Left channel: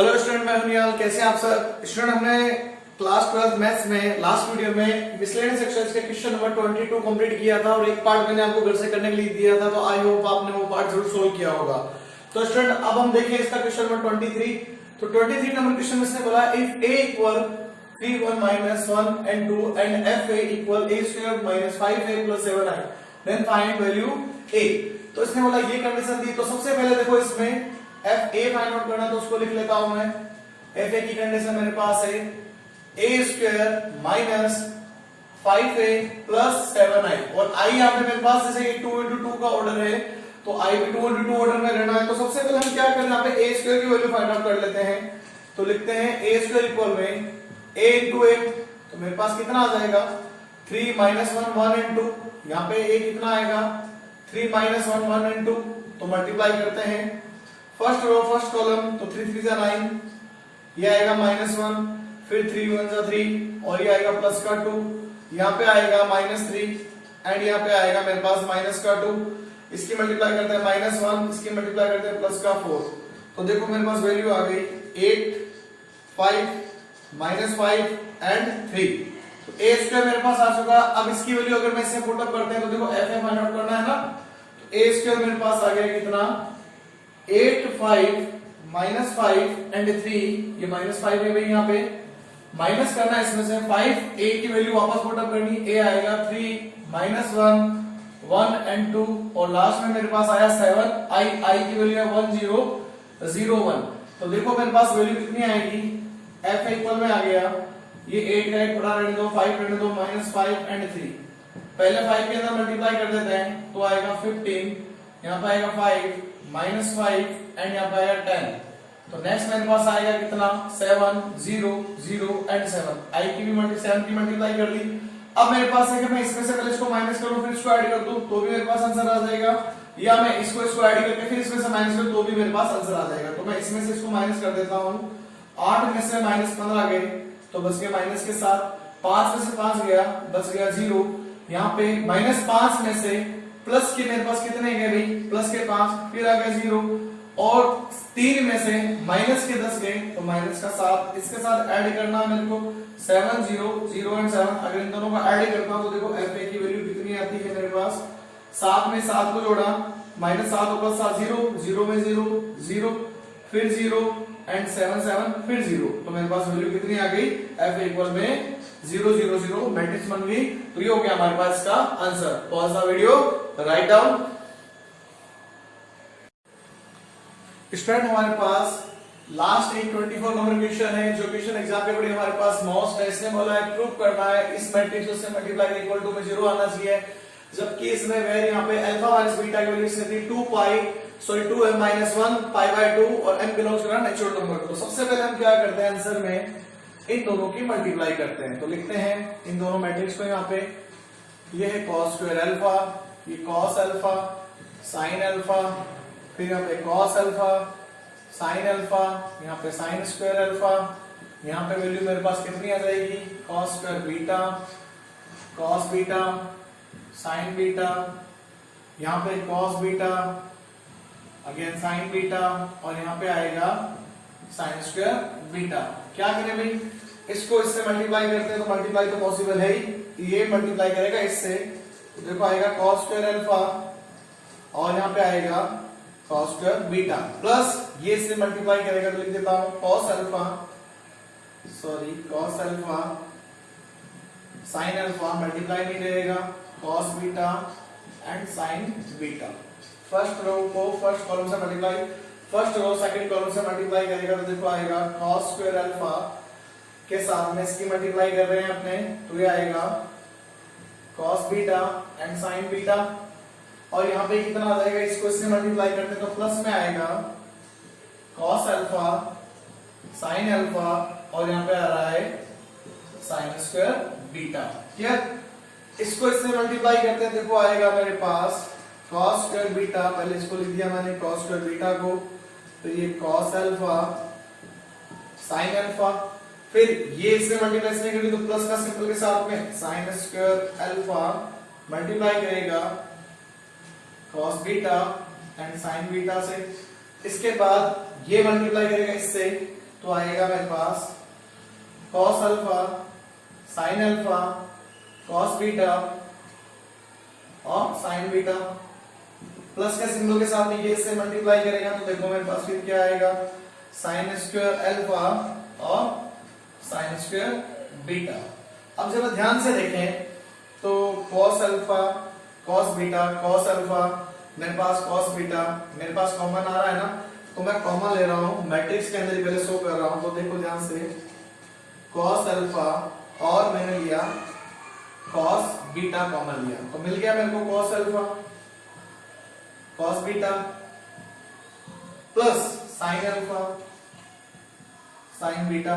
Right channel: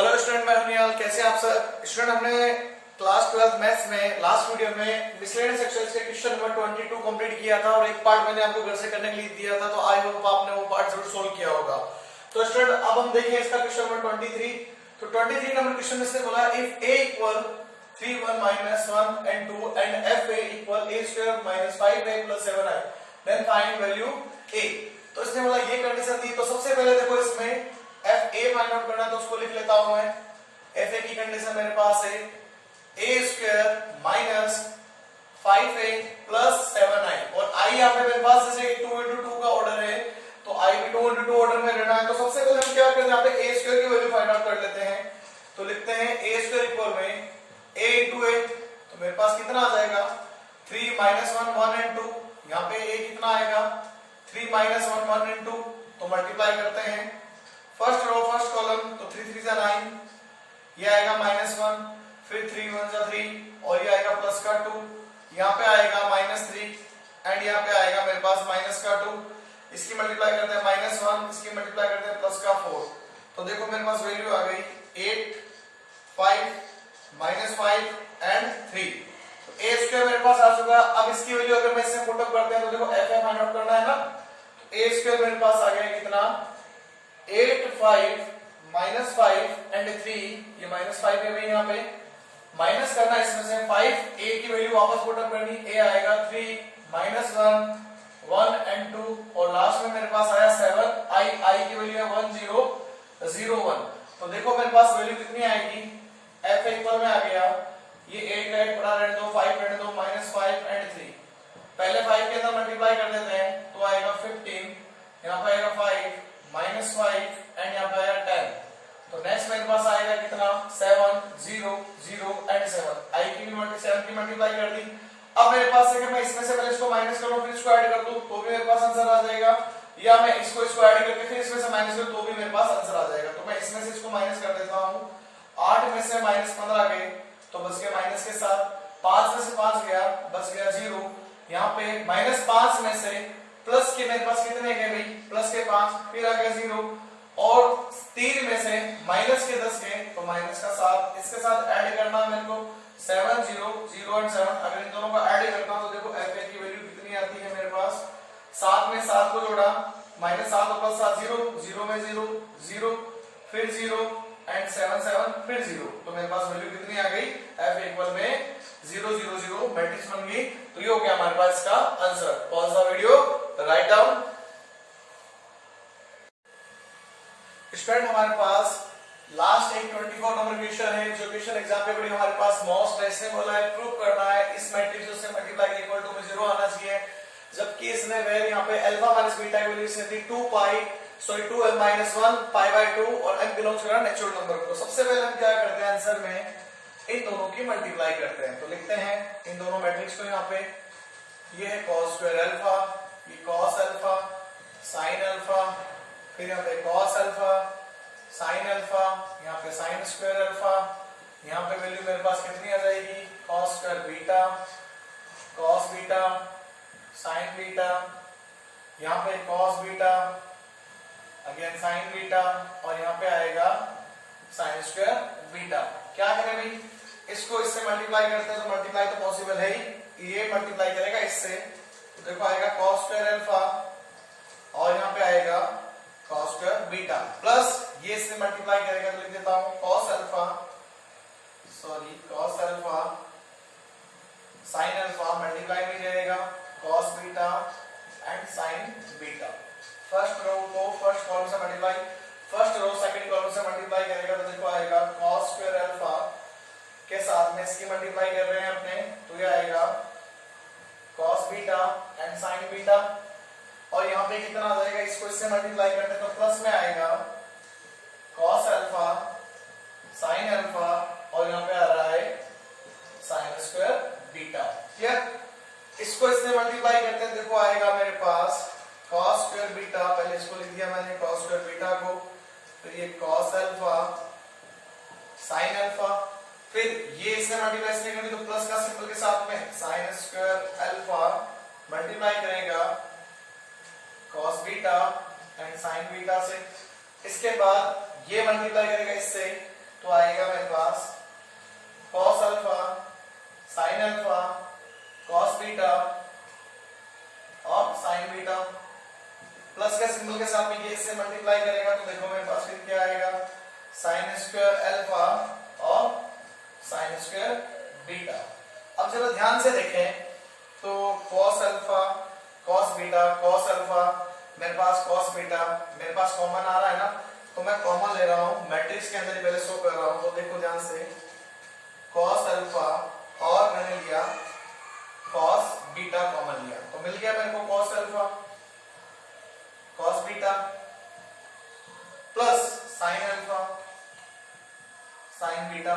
Hello student, मैं हूं निहाल। कैसे हैं आप सब स्टूडेंट? हमने क्लास 12 मैथ्स में लास्ट वीडियो में मिसलेनियस एक्सरसाइज के क्वेश्चन नंबर 22 कंप्लीट किया था और एक पार्ट मैंने आपको घर से करने के लिए दिया था, तो आई होप आपने वो पार्ट जरूर सोल्व किया होगा। तो स्टूडेंट अब हम देखें इसका क्वेश्चन नंबर 23। तो 23 नंबर क्वेश्चन में इसने बोला if a equal 3 1 -1 and 2 and fa equal a square - 5a + 7i then find value a। तो इसने बोला ये कंडीशन दी। तो सबसे पहले देखो इसमें fa फाइंड आउट करना, तो उसको लिख लेता हूं मैं। fa की कंडीशन मेरे पास है a स्क्वायर - 5a + 7i और i यहां पे मेरे पास जैसे 2 × 2 का ऑर्डर है, तो i भी 2 × 2 ऑर्डर में रहना है। तो सबसे पहले हम क्या करें, यहां पे a स्क्वायर की वैल्यू फाइंड आउट कर लेते हैं। तो लिखते हैं a स्क्वायर इक्वल में a × a, तो मेरे पास कितना आ जाएगा 3 - 1 1 and 2। यहां पे a कितना आएगा 3 - 1 1 and 2, तो मल्टीप्लाई करते हैं फर्स्ट रो फर्स्ट कॉलम, तो 3 3 9, ये आएगा -1, फिर 3 1 3 और ये आएगा प्लस का 2, यहाँ पे आएगा -3 एंड यहाँ पे आएगा मेरे पास माइनस का 2। इसकी मल्टीप्लाई करते हैं -1, इसकी मल्टीप्लाई करते हैं प्लस का 4। तो देखो मेरे पास वैल्यू आ गई 8 5 -5 एंड 3। तो a स्क्वायर मेरे पास आ चुका। अब इसकी वैल्यू अगर मैं इससे पुट अप करते हैं तो देखो f फाइंड आउट करना है ना, तो a स्क्वायर मेरे पास आ गया कितना 8 5 -5 एंड 3, ये -5 है भाई, यहाँ पे माइनस करना है इसमें से 5, a की वैल्यू वापस पुट अप करनी, a आएगा 3 -1 1 एंड 2 और लास्ट में मेरे पास आया 7, i की वैल्यू है 1 0 0 1। तो देखो मेरे पास वैल्यू कितनी आएगी, f इक्वल में आ गया ये 8 का 8 पड़ा रहने दो, 5 रहने दो, -5 एंड 3। पहले 5 के अंदर मल्टीप्लाई कर देते हैं तो आएगा 15, यहाँ पे आएगा 5 -5 एंड यहाँ पे आएगा 10। तो नेक्स्ट मेरे पास आएगा कितना 7 0 0 एंड 7, i की भी 7 की मल्टीप्लाई कर ली। अब मेरे पास है कि मैं इसमें से पहले इसको माइनस करूं फिर इसको ऐड कर दूं तो भी मेरे पास आंसर आ जाएगा, या मैं इसको ऐड करके फिर इसमें से माइनस करूं तो भी मेरे पास आंसर आ जाएगा। तो मैं इसमें से इसको माइनस कर देता हूं, 8 में से -15 गए तो बच गया माइनस के साथ, 5 में से 5 गया बच गया 0, यहाँ पे -5 में से प्लस के मेरे पास कितने गए भाई प्लस के 5, फिर आ गया 0 और 3 में से माइनस के 10 गए तो माइनस का 7, इसके साथ ऐड करना मेरे को 7 0 0 एंड 7। अगर इन दोनों का ऐड करता हूं तो देखो fa की वैल्यू कितनी आती है मेरे पास 7 में 7 को जोड़ा -7 और प्लस 7 0 0 में 0 0 फिर 0 एंड 7 7 फिर 0। तो मेरे पास वैल्यू कितनी आ गई f इक्वल में 0 0 0 मैट्रिक्स बन गई। तो ये हो गया हमारे पास इसका answer. Pause the video, write down. Student हमारे पास लास्ट एक 24 नंबर क्वेश्चन है, जो क्वेश्चन एग्जाम पे बड़ी हमारे पास मोस्ट है। इसने बोला है प्रूव करना है इस मैट्रिक्स से मल्टीप्लाई इक्वल टू में 0 आना चाहिए, जबकि इसमें वैर यहाँ पे अल्फा माइनस बीटा की वैल्यू से थी 2m -1 π/2 और m belongs to natural number को। तो सबसे पहले हम क्या करते हैं, आंसर में इन दोनों की मल्टीप्लाई करते हैं। तो लिखते हैं इन दोनों मैट्रिक्स को, यहाँ पे ये है cos स्क्वायर अल्फा, ये cos अल्फा sin अल्फा, फिर यहाँ पे cos अल्फा sin अल्फा, यहाँ पे sin स्क्वायर अल्फा, यहाँ पे वैल्यू मेरे पास कितनी आ जाएगी cos square beta cos beta sin beta, यहाँ पे cos beta again sin beta और यहाँ पे आएगा sin स्क्वायर बीटा। क्या करें भाई, इसको इससे मल्टीप्लाई करते हैं तो मल्टीप्लाई तो पॉसिबल है ही, ये मल्टीप्लाई करेगा इससे तो देखो आएगा cos स्क्वायर अल्फा और यहाँ पे आएगा cos स्क्वायर बीटा प्लस ये इससे मल्टीप्लाई करेगा तो लिख देता हूं cos alpha sin alpha multiply नहीं रहेगा cos beta and sin beta. First row को फर्स्ट कॉलम से multiply, first row second column से मल्टीप्लाई करेगा तो देखो आएगा cos स्क्वायर अल्फा के साथ में इसकी मल्टीप्लाई कर रहे हैं अपने, तो ये आएगा cos beta and sin beta और यहाँ पे कितना आ जाएगा, इसको इससे मल्टीप्लाई करते हैं तो प्लस में आएगा cos अल्फा sin अल्फा और यहाँ पे आ रहा है sin स्क्वायर बीटा। क्लियर, इसको इससे मल्टीप्लाई करते हैं देखो आएगा मेरे पास cos स्क्वायर बीटा, पहले इसको लिख दिया मैंने cos स्क्वायर बीटा को, फिर ये cos अल्फा sin अल्फा, फिर ये इससे मल्टीप्लाई इससे करेंगे तो प्लस का सिंबल के साथ में sin स्क्वायर अल्फा मल्टीप्लाई करेगा cos beta and sin beta से, इसके बाद ये मल्टीप्लाई करेगा इससे तो आएगा मेरे पास cos alpha sin alpha cos beta और sin बीटा प्लस के सिंबल के साथ में ये इससे मल्टीप्लाई करेगा तो देखो मेरे पास फिर क्या आएगा sin स्क्वायर अल्फा और sin स्क्वायर बीटा। अब जरा ध्यान से देखें तो cos alpha cos beta cos alpha मेरे पास cos बीटा मेरे पास कॉमन आ रहा है ना, तो मैं कॉमन ले रहा हूं, मैट्रिक्स के अंदर ही पहले शो कर रहा हूं। तो देखो ध्यान से cos अल्फा और मैंने लिया cos बीटा कॉमन लिया तो मिल गया मेरे को cos alpha cos beta plus sin alpha sin beta.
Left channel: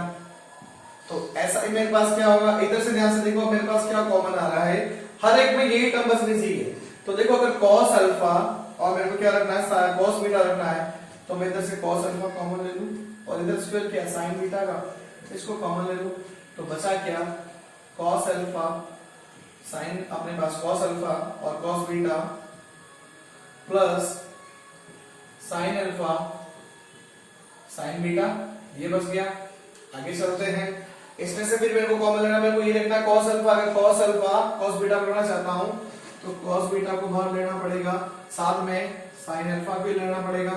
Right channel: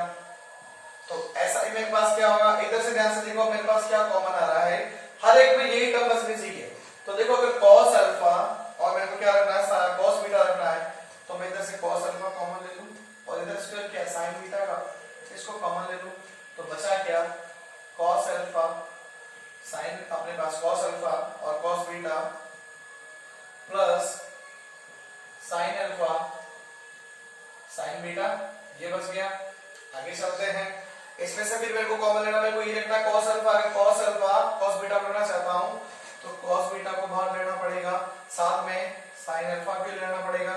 तो ऐसा ही मेरे पास क्या होगा, इधर से ध्यान से देखो मेरे पास क्या कॉमन आ रहा है, हर एक में यही टर्म बचनी चाहिए। तो देखो अगर cos अल्फा और मेरे को क्या रखना है cos बीटा रखना है तो मैं इधर से cos अल्फा कॉमन ले लूं और इधर स्क्वायर क्या sin बीटा का इसको कॉमन ले लूं तो बचा क्या cos अल्फा sin अपने पास cos अल्फा और cos beta plus sin alpha sin beta, ये बच गया। आगे चलते हैं, इसमें से फिर मेरे को कॉमन लेना, मेरे को ये रखना cos अल्फा, अगर cos अल्फा cos बीटा को लेना चाहता हूं तो cos बीटा को बाहर लेना पड़ेगा, साथ में sin अल्फा भी लेना पड़ेगा।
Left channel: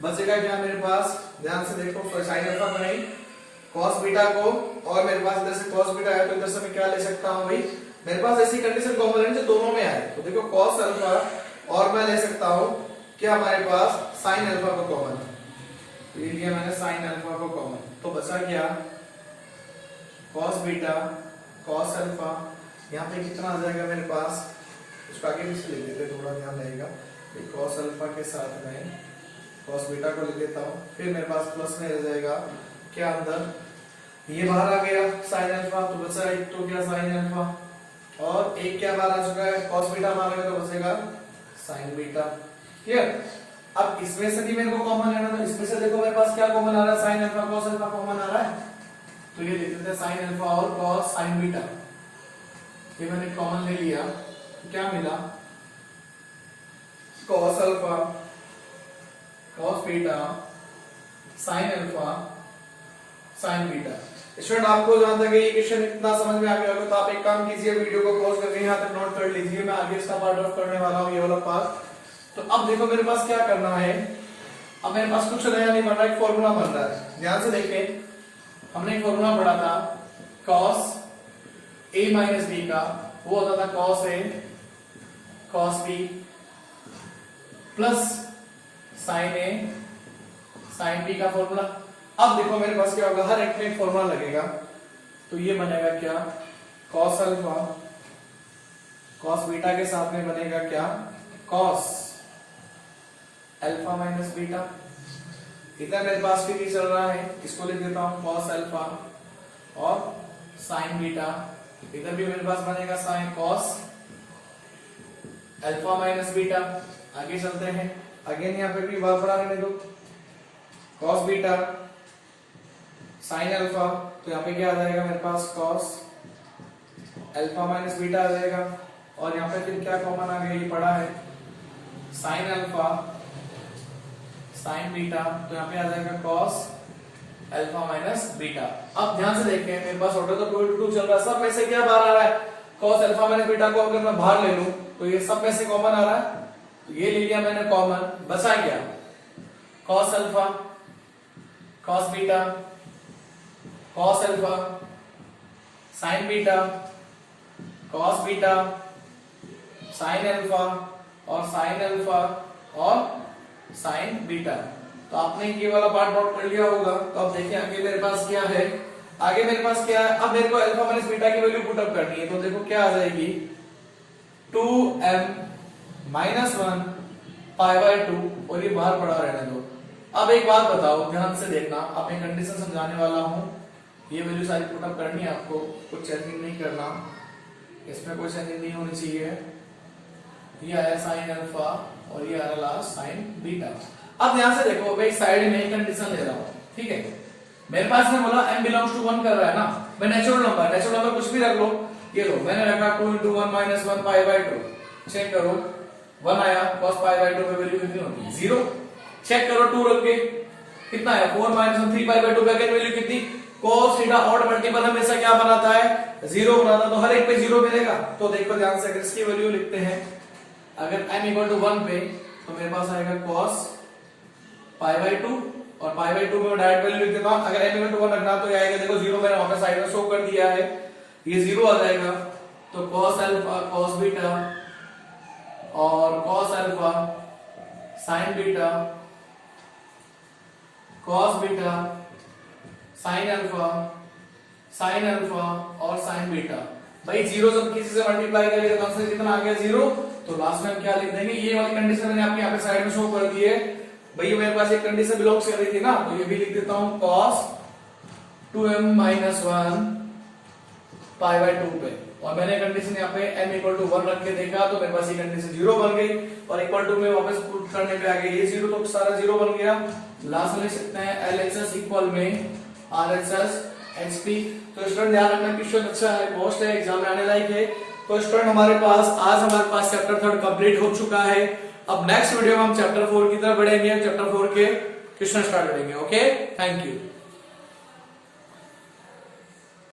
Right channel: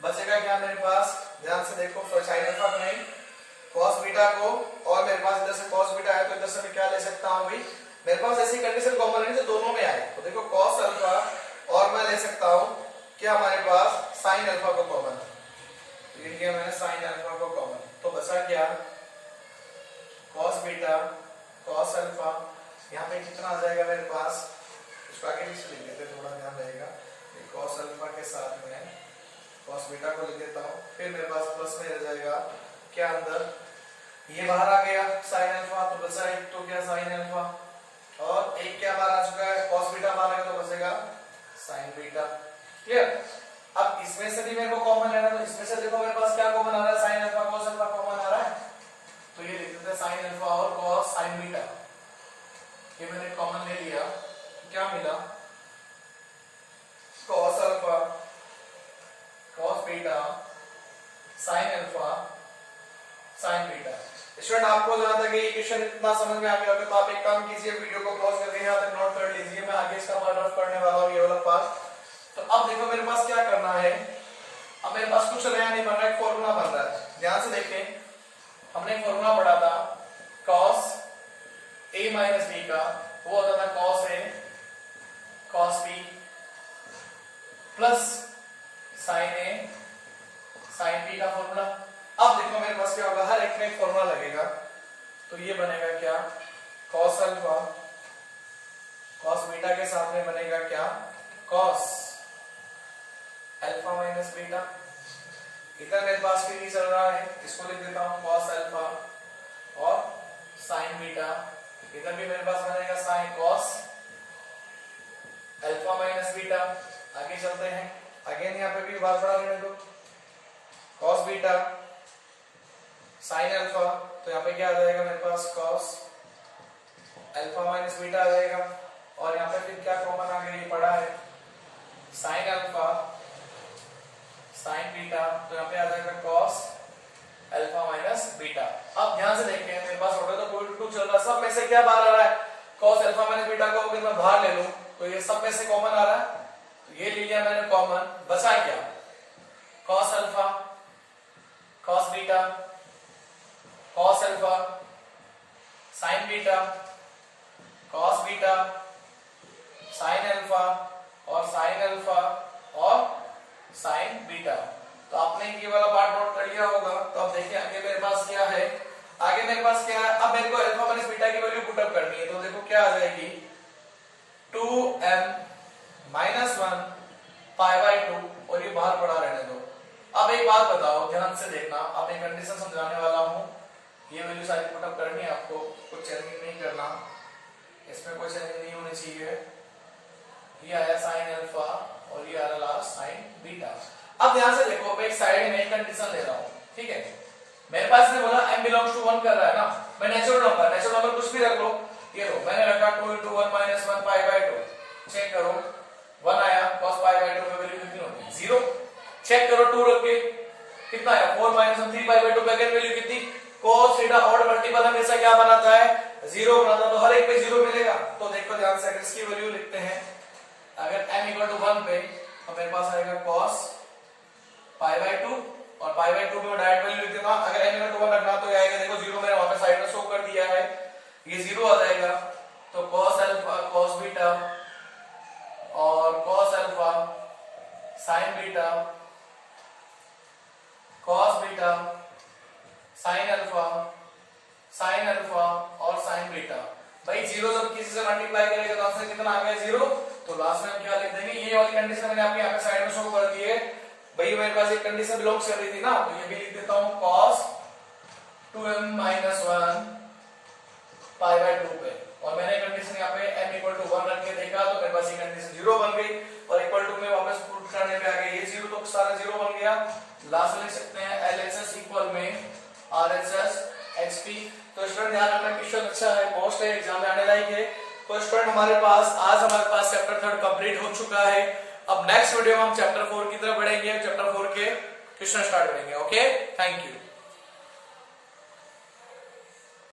बचेगा क्या मेरे पास, ध्यान से देखो sin अल्फा बनाई cos बीटा को और मेरे पास इधर से cos बीटा है तो इधर से मैं क्या ले सकता हूं भाई, मेरे पास ऐसी कंडीशन कॉमन लेनी जो दोनों में आए। तो देखो cos अल्फा और मैं ले सकता हूं क्या हमारे पास sin अल्फा को कॉमन, तो ये लिया मैंने sin अल्फा को कॉमन, तो बचा क्या cos बीटा cos अल्फा, यहाँ पे कितना आ जाएगा मेरे पास, इसको आगे पीछे लिख देते थोड़ा ध्यान रहेगा, cos अल्फा के साथ में cos बीटा को लिख देता हूँ, फिर मेरे पास प्लस में रह जाएगा क्या अंदर, ये बाहर आ गया sin अल्फा, तो बचा एक तो क्या sin अल्फा और एक क्या बाहर आ चुका है cos बीटा बाहर आएगा तो बचेगा sin बीटा। क्लियर। अब इसमें से भी मेरे को कॉमन लेना, तो इसमें से देखो मेरे पास क्या कॉमन आ रहा है, sin alpha cos alpha common आ रहा है, तो ये लिख देते हैं sin अल्फा और cos sin बीटा, ये मैंने कॉमन ले लिया, क्या मिला cos alpha cos beta sin alpha sin beta. Student आपको जहां तक ये क्वेश्चन इतना समझ में आ गया तो आप एक काम कीजिए, वीडियो को पॉज करके यहाँ तक नोट कर लीजिए, मैं आगे इसका पार्ट ऑफ करने वाला हूँ, ये वाला पार्ट। तो अब देखो मेरे पास क्या करना है, अब मेरे पास कुछ नया नहीं बन रहा है, एक फॉर्मूला बन रहा है। ध्यान से देखें, हमने एक फॉर्मूला पढ़ा था cos a माइनस b का, वो होता था cos a cos b plus sin a sin b का फॉर्मूला। अब देखो मेरे पास क्या होगा, हर एक में एक फॉर्मूला लगेगा, तो ये बनेगा क्या cos अल्फा cos बीटा के साथ में बनेगा क्या cos अल्फा माइनस बीटा। इधर मेरे पास फिर ये चल रहा है, इसको लिख देता हूं cos अल्फा और sin बीटा, इधर भी मेरे पास बनेगा sin cos alpha minus beta. आगे चलते हैं, अगेन यहाँ पे भी बार बढ़ा लेने दो, cos बीटा sin अल्फा, तो यहाँ पे क्या आ जाएगा मेरे पास cos अल्फा माइनस बीटा आ जाएगा, और यहाँ पे फिर क्या कॉमन आ गया, ये पड़ा है sin अल्फा sin बीटा, तो यहाँ पे आ जाएगा cos अल्फा माइनस बीटा। अब ध्यान से देखें, मेरे पास ऑर्डर तो 2 चल रहा है, सब में से क्या बाहर आ रहा है cos अल्फा माइनस बीटा को अगर मैं बाहर ले लूं तो ये सब में से कॉमन आ रहा है, तो ये ले लिया मैंने कॉमन, बचा क्या cos alpha cos beta cos alpha sin beta cos beta sin alpha और sin अल्फा और sin बीटा। तो आपने ये वाला पार्ट नोट कर लिया होगा। तो अब देखिए आगे मेरे पास क्या है, आगे मेरे पास क्या है, अब मेरे को अल्फा माइनस बीटा की वैल्यू पुट अप करनी है, तो देखो क्या आ जाएगी 2m माइनस 1 पाई बाय 2, और ये बाहर पड़ा रहने दो। अब एक बात बताओ, ध्यान से देखना, अब मैं कंडीशन समझाने वाला हूँ, ये वैल्यू सारी पुट अप करनी है आपको, कुछ चेंजिंग नहीं करना, इसमें कोई चेंजिंग नहीं होनी चाहिए। ये आया sin अल्फा और ये आ रहा लास्ट sin बीटा। अब ध्यान से देखो, मैं एक साइड में कंडीशन ले रहा हूँ, ठीक है, मेरे पास में बोला m बिलोंग्स टू 1 कर रहा है ना, मैं नेचुरल नंबर कुछ भी रख लो, ये लो मैंने रखा 2 into 1 minus 1 pi by 2, check करो 1 आया, cos पाई बाय 2 की वैल्यू कितनी होती है 0, चेक करो 2 रख के कितना आया 4 - 3 पाई बाय 2 पे अगेन वैल्यू कितनी cos थीटा ऑड मल्टीपल हमेशा क्या बनाता है 0 बनाता है, तो हर एक पे 0 मिलेगा। तो देखो ध्यान से अगर इसकी वैल्यू लिखते हैं अगर m = 1 पे तो मेरे पास आएगा cos पाई बाय 2 और पाई बाय 2 में डायरेक्ट वैल्यू लिख देता हूं। अगर m = 1 रखना तो ये आएगा देखो 0 मैंने वहां पे साइड में शो कर दिया है, ये 0 आ जाएगा। तो cos अल्फा cos बीटा और cos alpha sin beta cos beta sin alpha और sin बीटा। भाई 0 जब किसी से मल्टीप्लाई करेगा तो आंसर कितना आ गया 0। तो लास्ट में हम क्या लिख देंगे, ये वाली कंडीशन मैंने आपके यहाँ पे साइड में शो कर दी है। भाई मेरे पास एक कंडीशन बिलोंग्स कर रही थी ना, तो ये भी लिख देता हूं cos 2m - 1 पाई बाय 2 पे, और मैंने कंडीशन यहाँ पे m = 1 रख के देखा तो मेरे पास ये कंडीशन 0 बन गई और इक्वल टू में वापस पुट करने पे आ गया ये 0, तो सारा 0 बन गया। लास्ट में लिख सकते हैं LHS इक्वल में RHS HP। तो स्टूडेंट ध्यान रखना क्वेश्चन अच्छा है, मोस्ट है, एग्जाम में आने लायक है। तो स्टूडेंट हमारे पास चैप्टर 3 कंप्लीट हो चुका है। अब नेक्स्ट वीडियो में हम चैप्टर 4 की तरफ बढ़ेंगे, चैप्टर 4 के क्वेश्चन स्टार्ट करेंगे। Okay, thank you.